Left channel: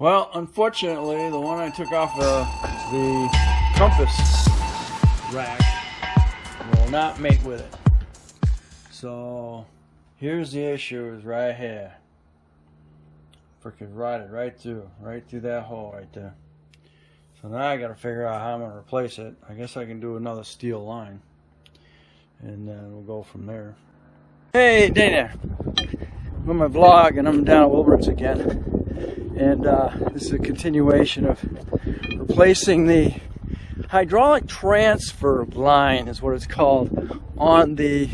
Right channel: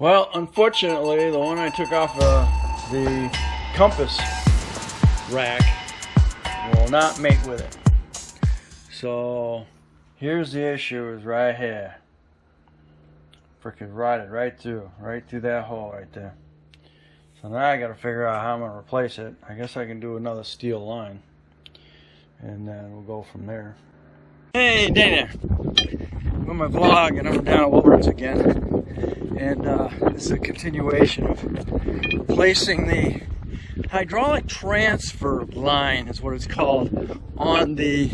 Well, unfortunately, the one I took off the compass rack will not mate with it. So here's the issue, is right here. Freaking rotted right through that hole right there. So now I got to figure out how I'm going to replace it. I guess I can do another steel line, and then we'll go from there. Hey, Dana. I'm on my vlog, and I'm down at Wilbur's again. And this is a continuation of replacing the hydraulic transfer line, is what it's called, on the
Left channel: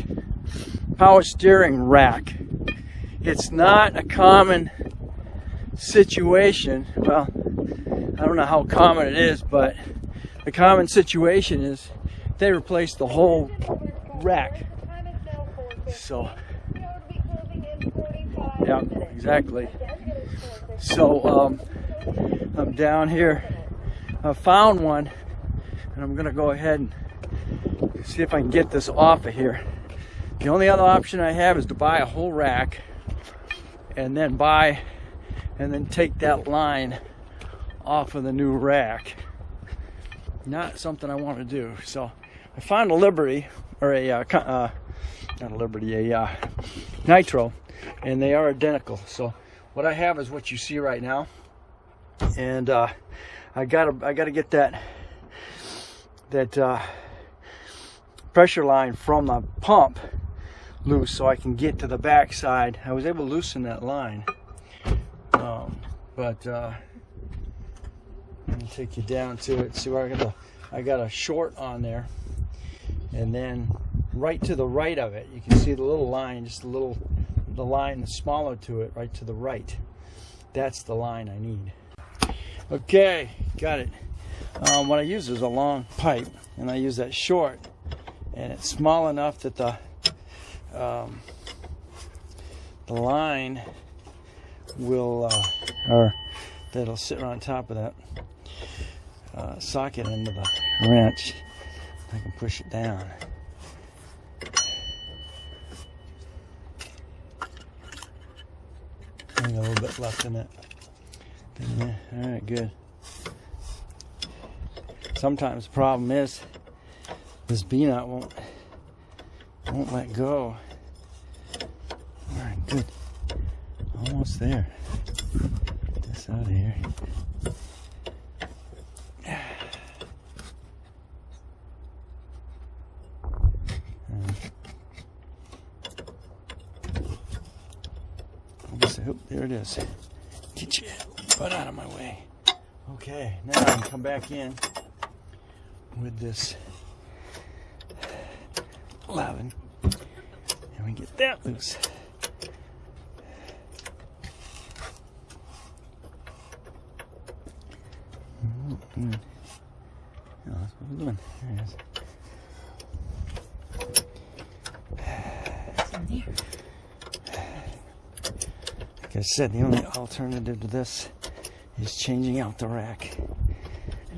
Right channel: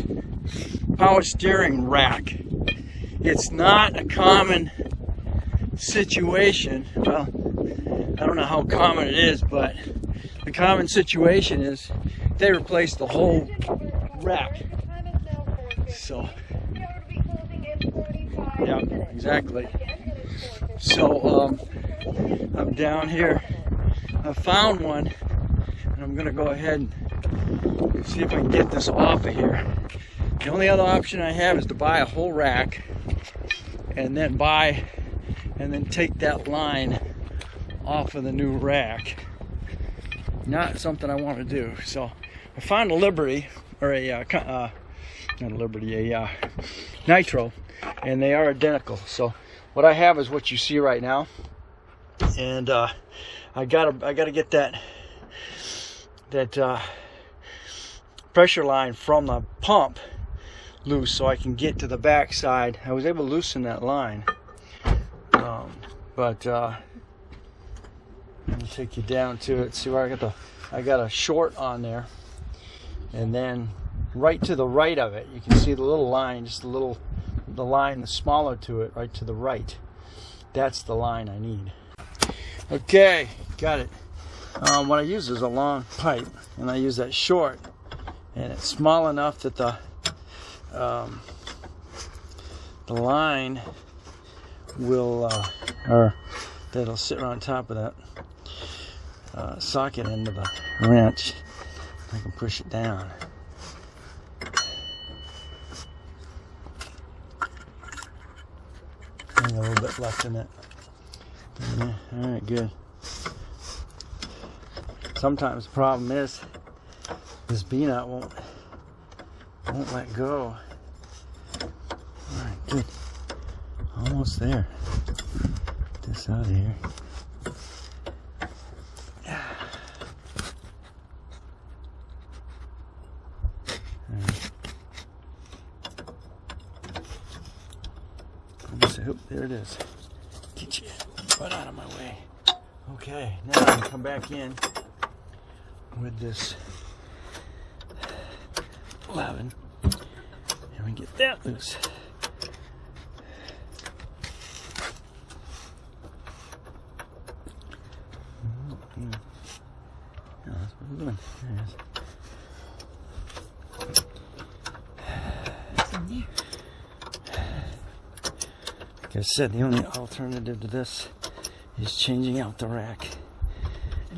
power steering rack. It's not a common situation. Well, I don't know how common it is, but the common situation is they replace the whole rack. So, yeah, exactly. So I'm down here. I found one, and I'm gonna go ahead and see if I can get this off of here. The only other option I have is to buy a whole rack and then take that line off of the new rack. Not something I want to do. So I found a Liberty, or not a Liberty, a Nitro, and they are identical. So what I have is what you see right now, and I gotta get that pressure line from the pump loose so I can get to the back side. I was able to loosen that line, but I'm gonna take you down to it. See where I got a short on there, and then right to the right of it, you can see the little line, the line that's smaller to it, right to the right. That's the line I need. Okay, got it. What I use is a long pipe, and I use that short, and it's small enough that the line will, or that'll sit on top of that socket into the wrench. I can push it down. A little bit left in it. Yeah, all right, good. Sometimes the problem is this B-nut won't let go. All right, good. Almost there. Get this out of here. Oh, there it is. Get your butt out of my way. Okay, now I can come back in with this 11 and we get that loose. No, that's what we're doing. There it is. Like I said, the only alternative to this is changing out the rack.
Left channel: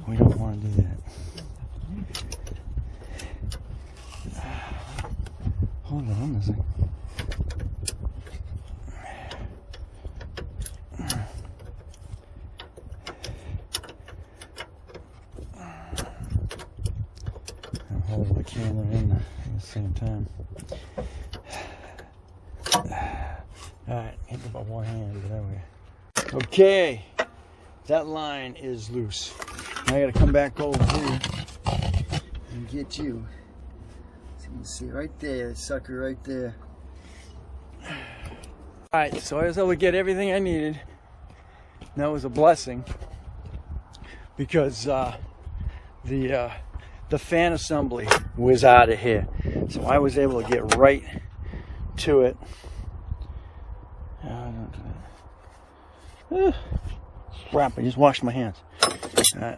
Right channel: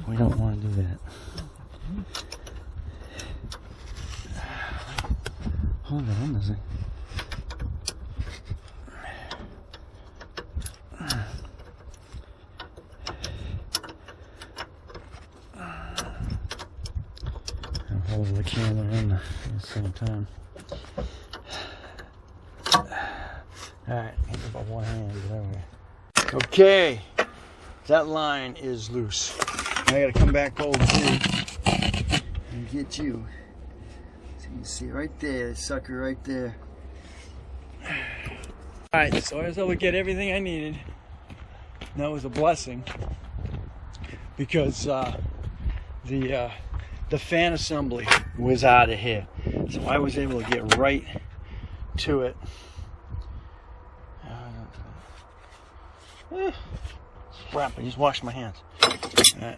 We don't want to do that. Hold on a second. I'm holding the camera in at the same time. Alright, hit it by one hand. There we go. Okay, that line is loose. I gotta come back over here and get you. So you can see right there, sucker right there. Alright, so I was able to get everything I needed. And that was a blessing, because the fan assembly was out of here. So I was able to get right to it. Crap, I just washed my hands. Alright.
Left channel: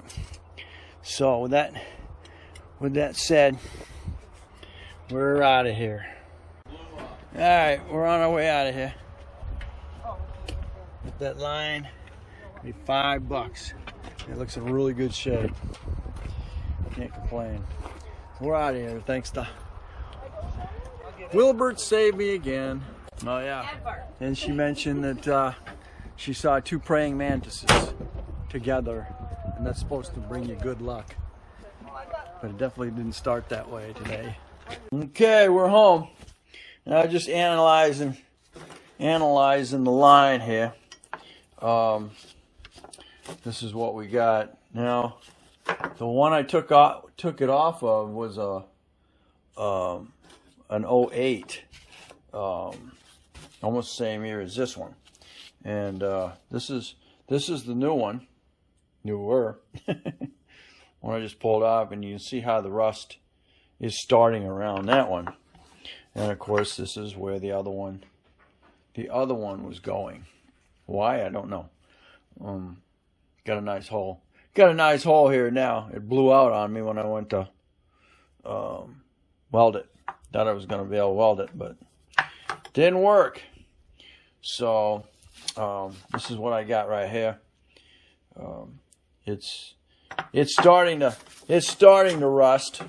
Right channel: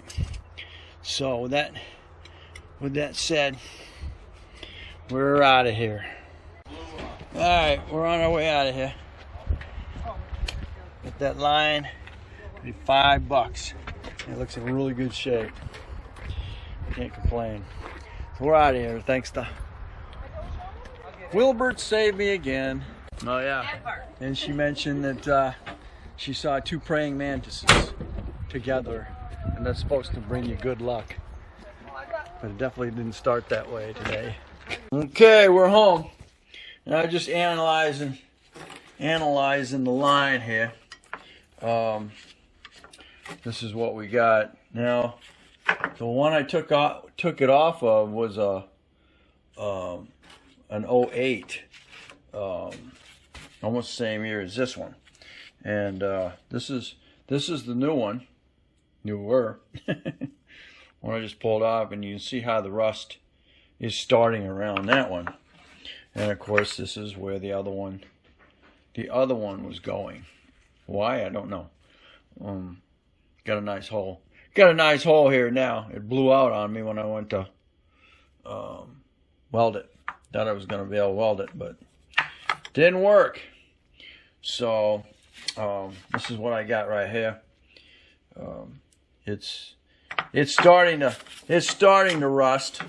So with that said, we're out of here. Alright, we're on our way out of here. With that line, maybe $5. It looks in really good shape. Can't complain. We're out of here. Thanks to Wilbert, saved me again. Oh yeah. And she mentioned that she saw 2 praying mantises together, and that's supposed to bring you good luck. But it definitely didn't start that way today. Okay, we're home. Now just analyzing the line here. This is what we got. Now, the one I took it off of was an 08, almost the same year as this one, and this is the new one, newer. One I just pulled off, and you can see how the rust is starting around that one. And of course, this is where the other one was going. Why, I don't know. Got a nice hole. Got a nice hole here now. It blew out on me when I went to weld it. Thought I was going to be able to weld it, but didn't work. So this is what I got right here. It's starting to rust,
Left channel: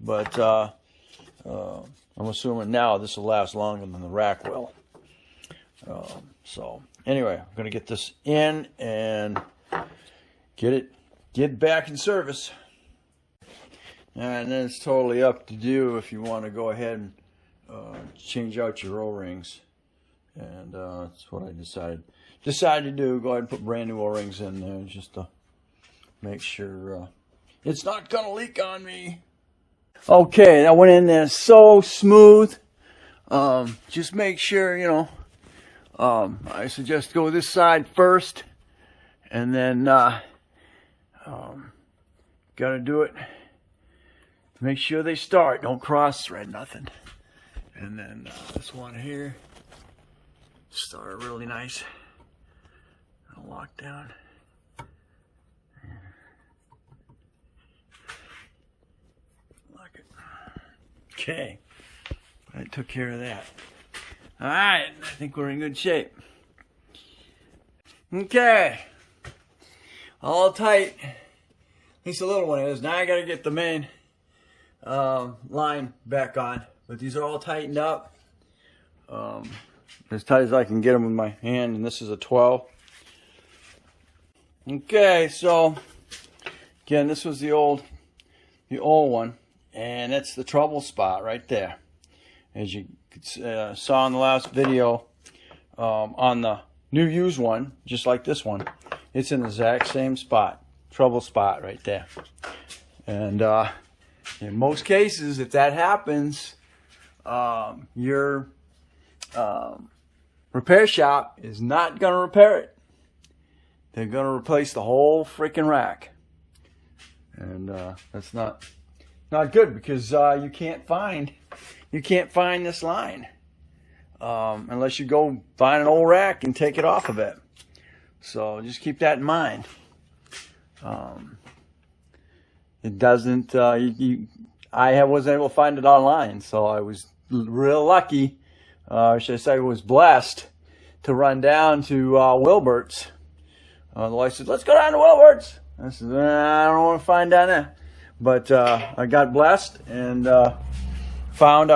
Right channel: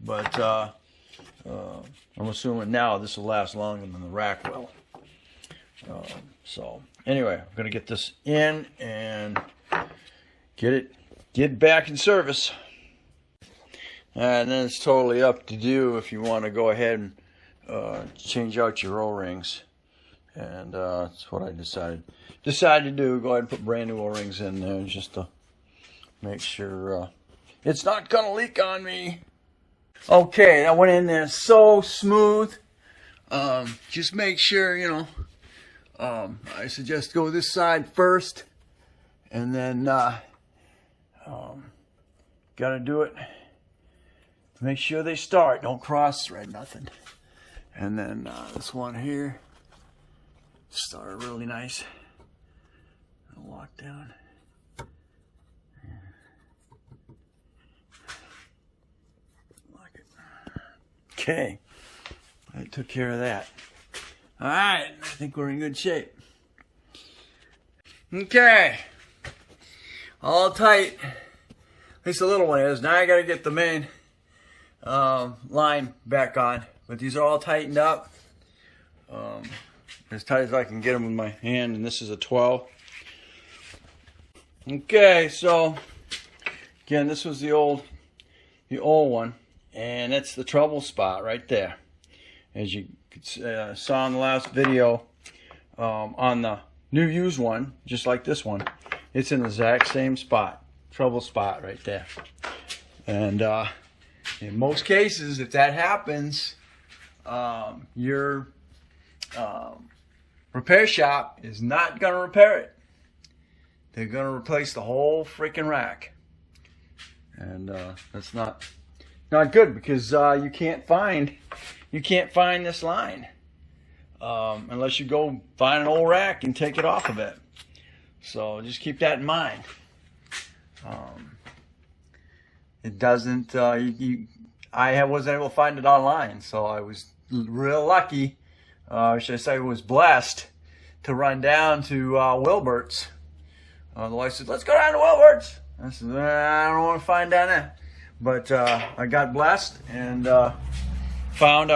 but I'm assuming now this will last longer than the rack will. So anyway, I'm gonna get this in and get back in service. And then it's totally up to you if you want to go ahead and change out your O-rings. And that's what I decided to do. Go ahead and put brand new O-rings in there just to make sure it's not gonna leak on me. Okay, that went in there so smooth. Just make sure, you know, I suggest go this side first, and then gotta do it. Make sure they start. Don't cross thread nothing. And then this one here started really nice. Lock down. Lock it. Okay. I took care of that. All right. I think we're in good shape. Okay. All tight. At least the little one is. Now I got to get the main line back on. But these are all tightened up. As tight as I can get them with my hand. And this is a 12. Okay, so again, this was the old one, and that's the trouble spot right there. As you saw in the last video, on the new used one, just like this one, it's in the exact same spot, trouble spot right there. And in most cases, if that happens, your repair shop is not going to repair it. They're going to replace the whole freaking rack. And that's not good, because you can't find this line unless you go find an old rack and take it off of it. So just keep that in mind. It doesn't. I wasn't able to find it online, so I was real lucky. Should I say, I was blessed to run down to Wilbert's. The wife said, "Let's go down to Wilbert's." I said, "I don't want to find down there." But I got blessed and found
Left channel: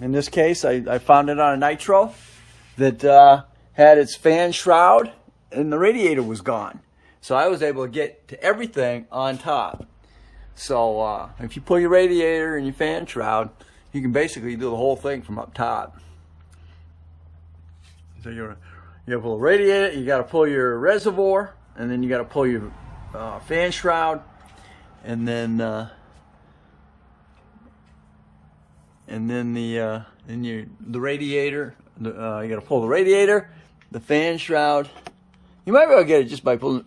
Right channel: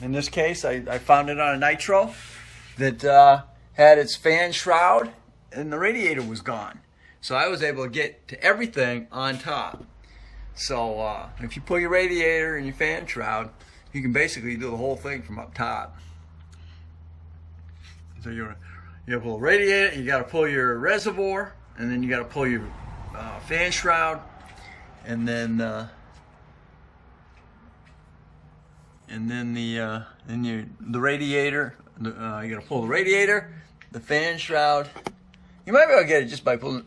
in this case, I found it on a nitro that had its fan shroud and the radiator was gone. So I was able to get to everything on top. So if you pull your radiator and your fan shroud, you can basically do the whole thing from up top. So you got to pull the radiator, you got to pull your reservoir, and then you got to pull your fan shroud, and then the radiator. You got to pull the radiator, the fan shroud. You might be able to get it just by pulling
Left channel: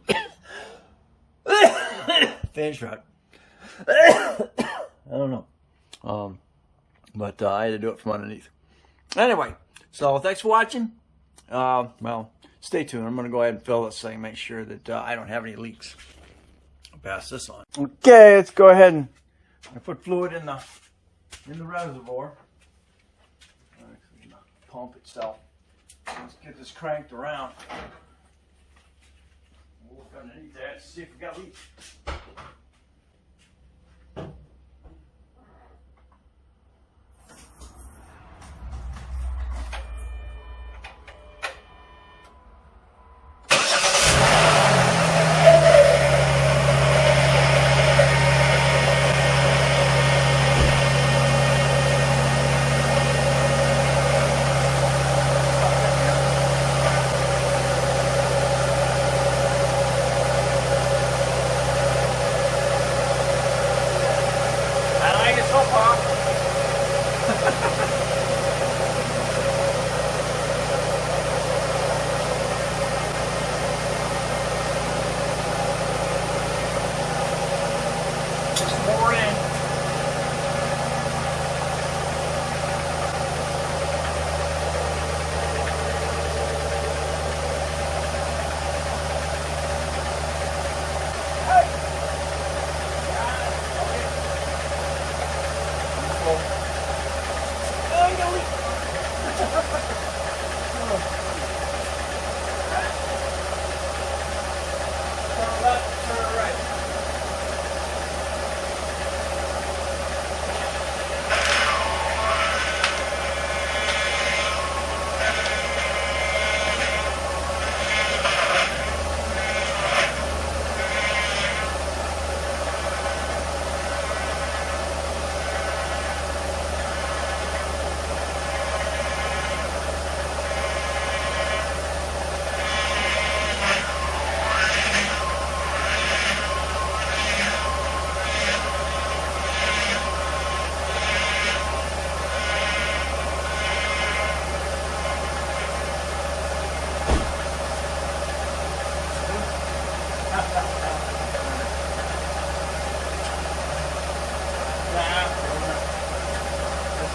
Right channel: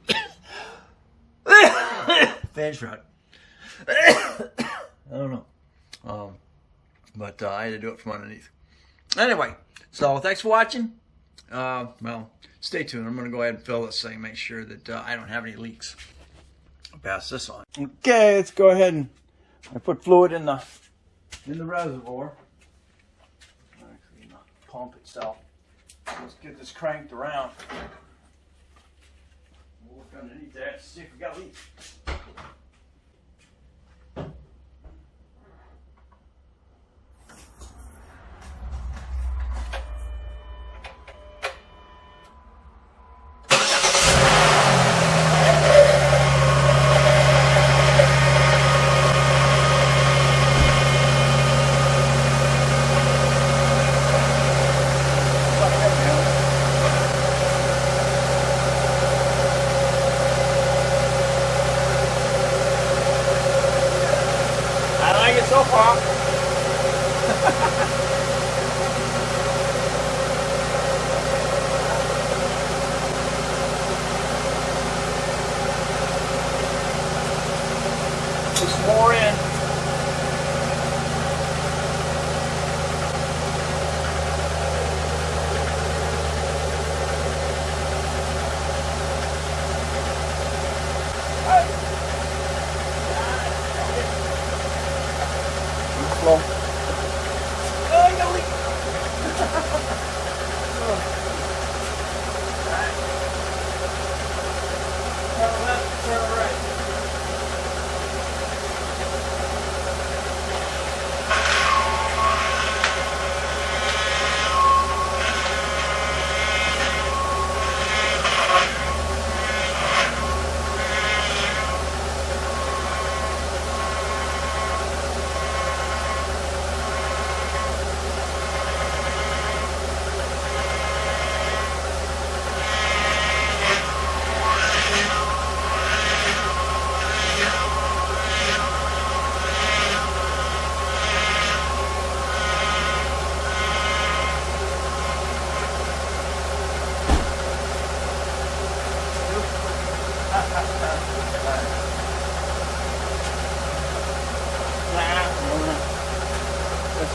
fan shroud. I don't know, but I had to do it from underneath. Anyway, so thanks for watching. Well, stay tuned. I'm going to go ahead and fill this thing, make sure that I don't have any leaks. I'll pass this on. Okay, let's go ahead and I put fluid in the reservoir. Actually, in the pump itself. Let's get this cranked around. We'll look underneath that to see if we got leaks.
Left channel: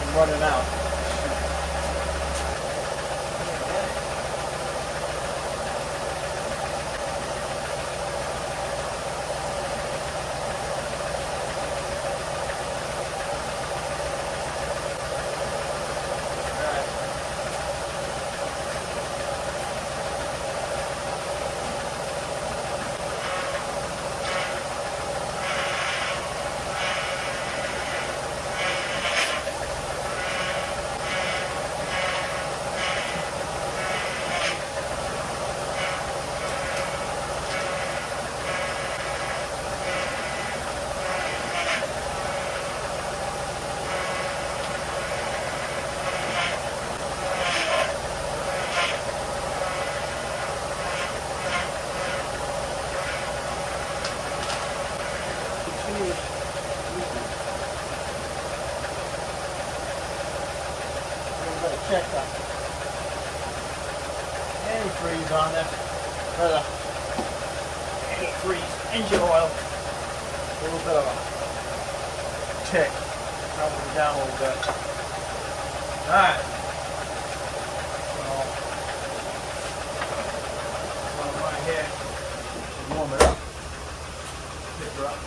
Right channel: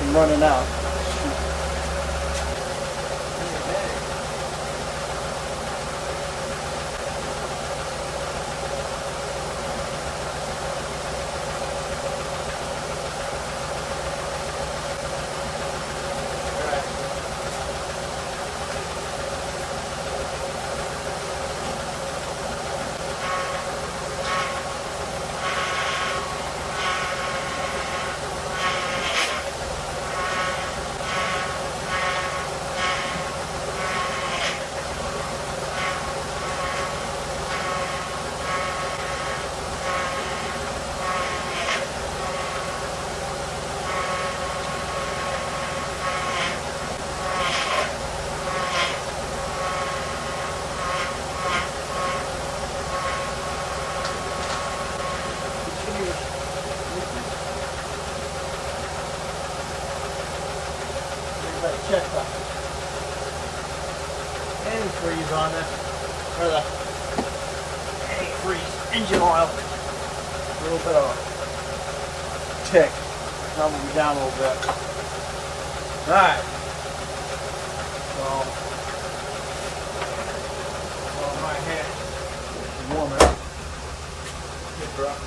I'm running out. Check the antifreeze on this, or the antifreeze engine oil. A little bit of a tick. Calming me down a little bit. Alright. So, on my head, warm it up. Get her up.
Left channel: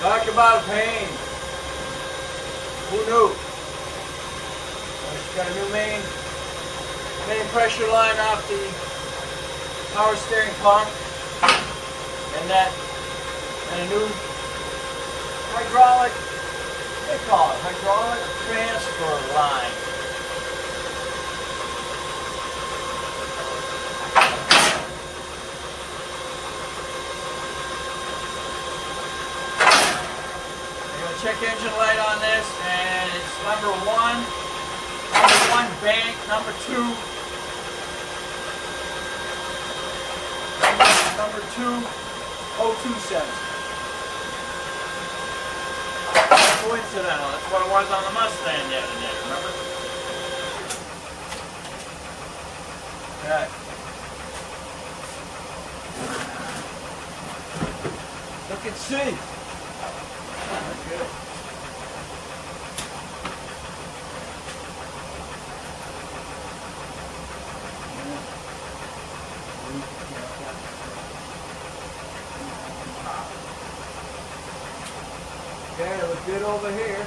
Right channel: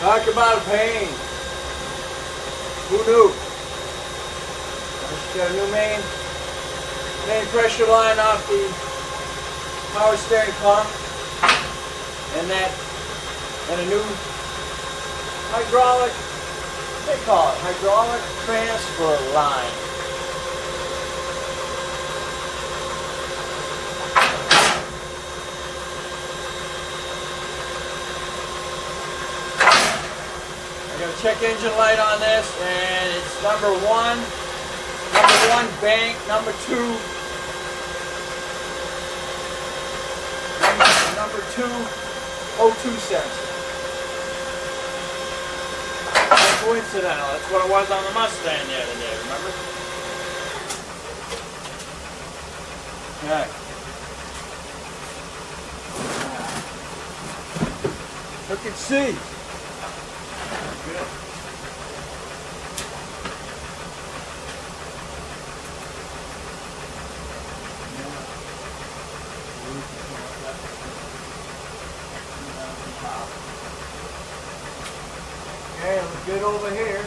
Talk about a pain. Who knew? Just got a new main pressure line off the power steering pump, and a new hydraulic, they call it hydraulic transfer line. Check engine light on this, and it's number one bank, number two 02 cents. Coincidental, that's what it was on the Mustang the other day, remember? Okay. Look and see. Okay, look good over here.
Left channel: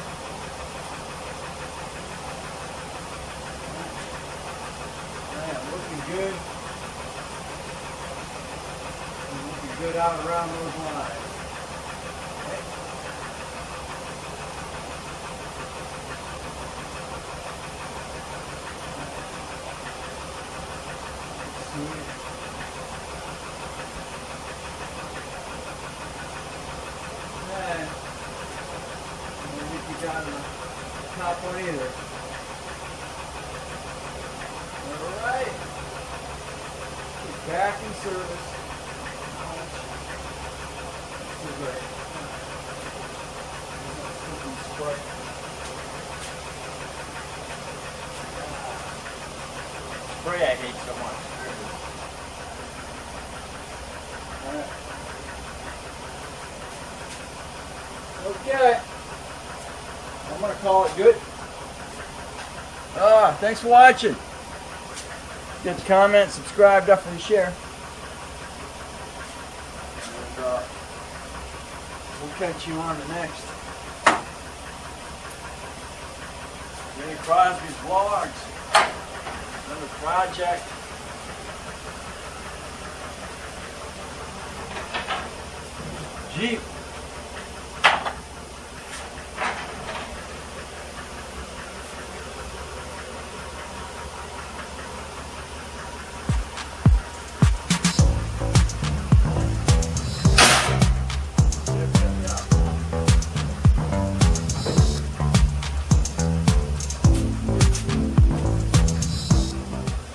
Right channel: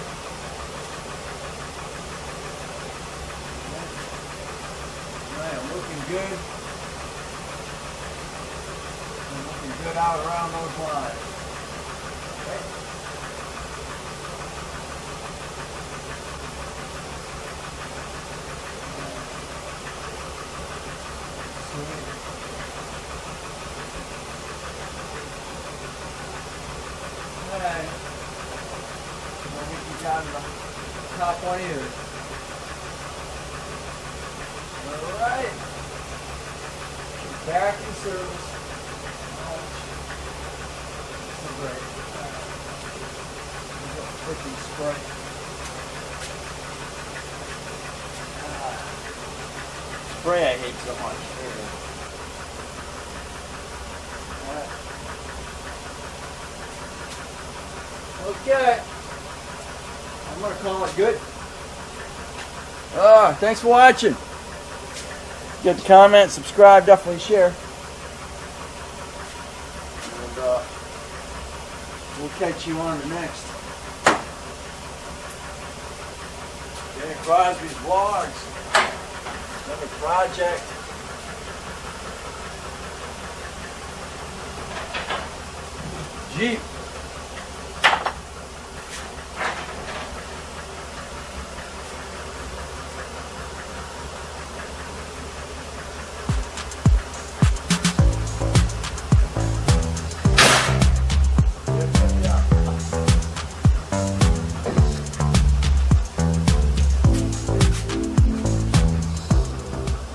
Man, looking good. And looking good out around those lines. Okay. Got the top one either. Alright. Back in service. This is great. There's a freaking spray. Spray I hate so much. Okay. I'm going to call it good. Thanks for watching. Get the comment, subscribe, definitely share. And, we'll catch you on the next. Okay. Crosby's vlogs. Another project. Jeep.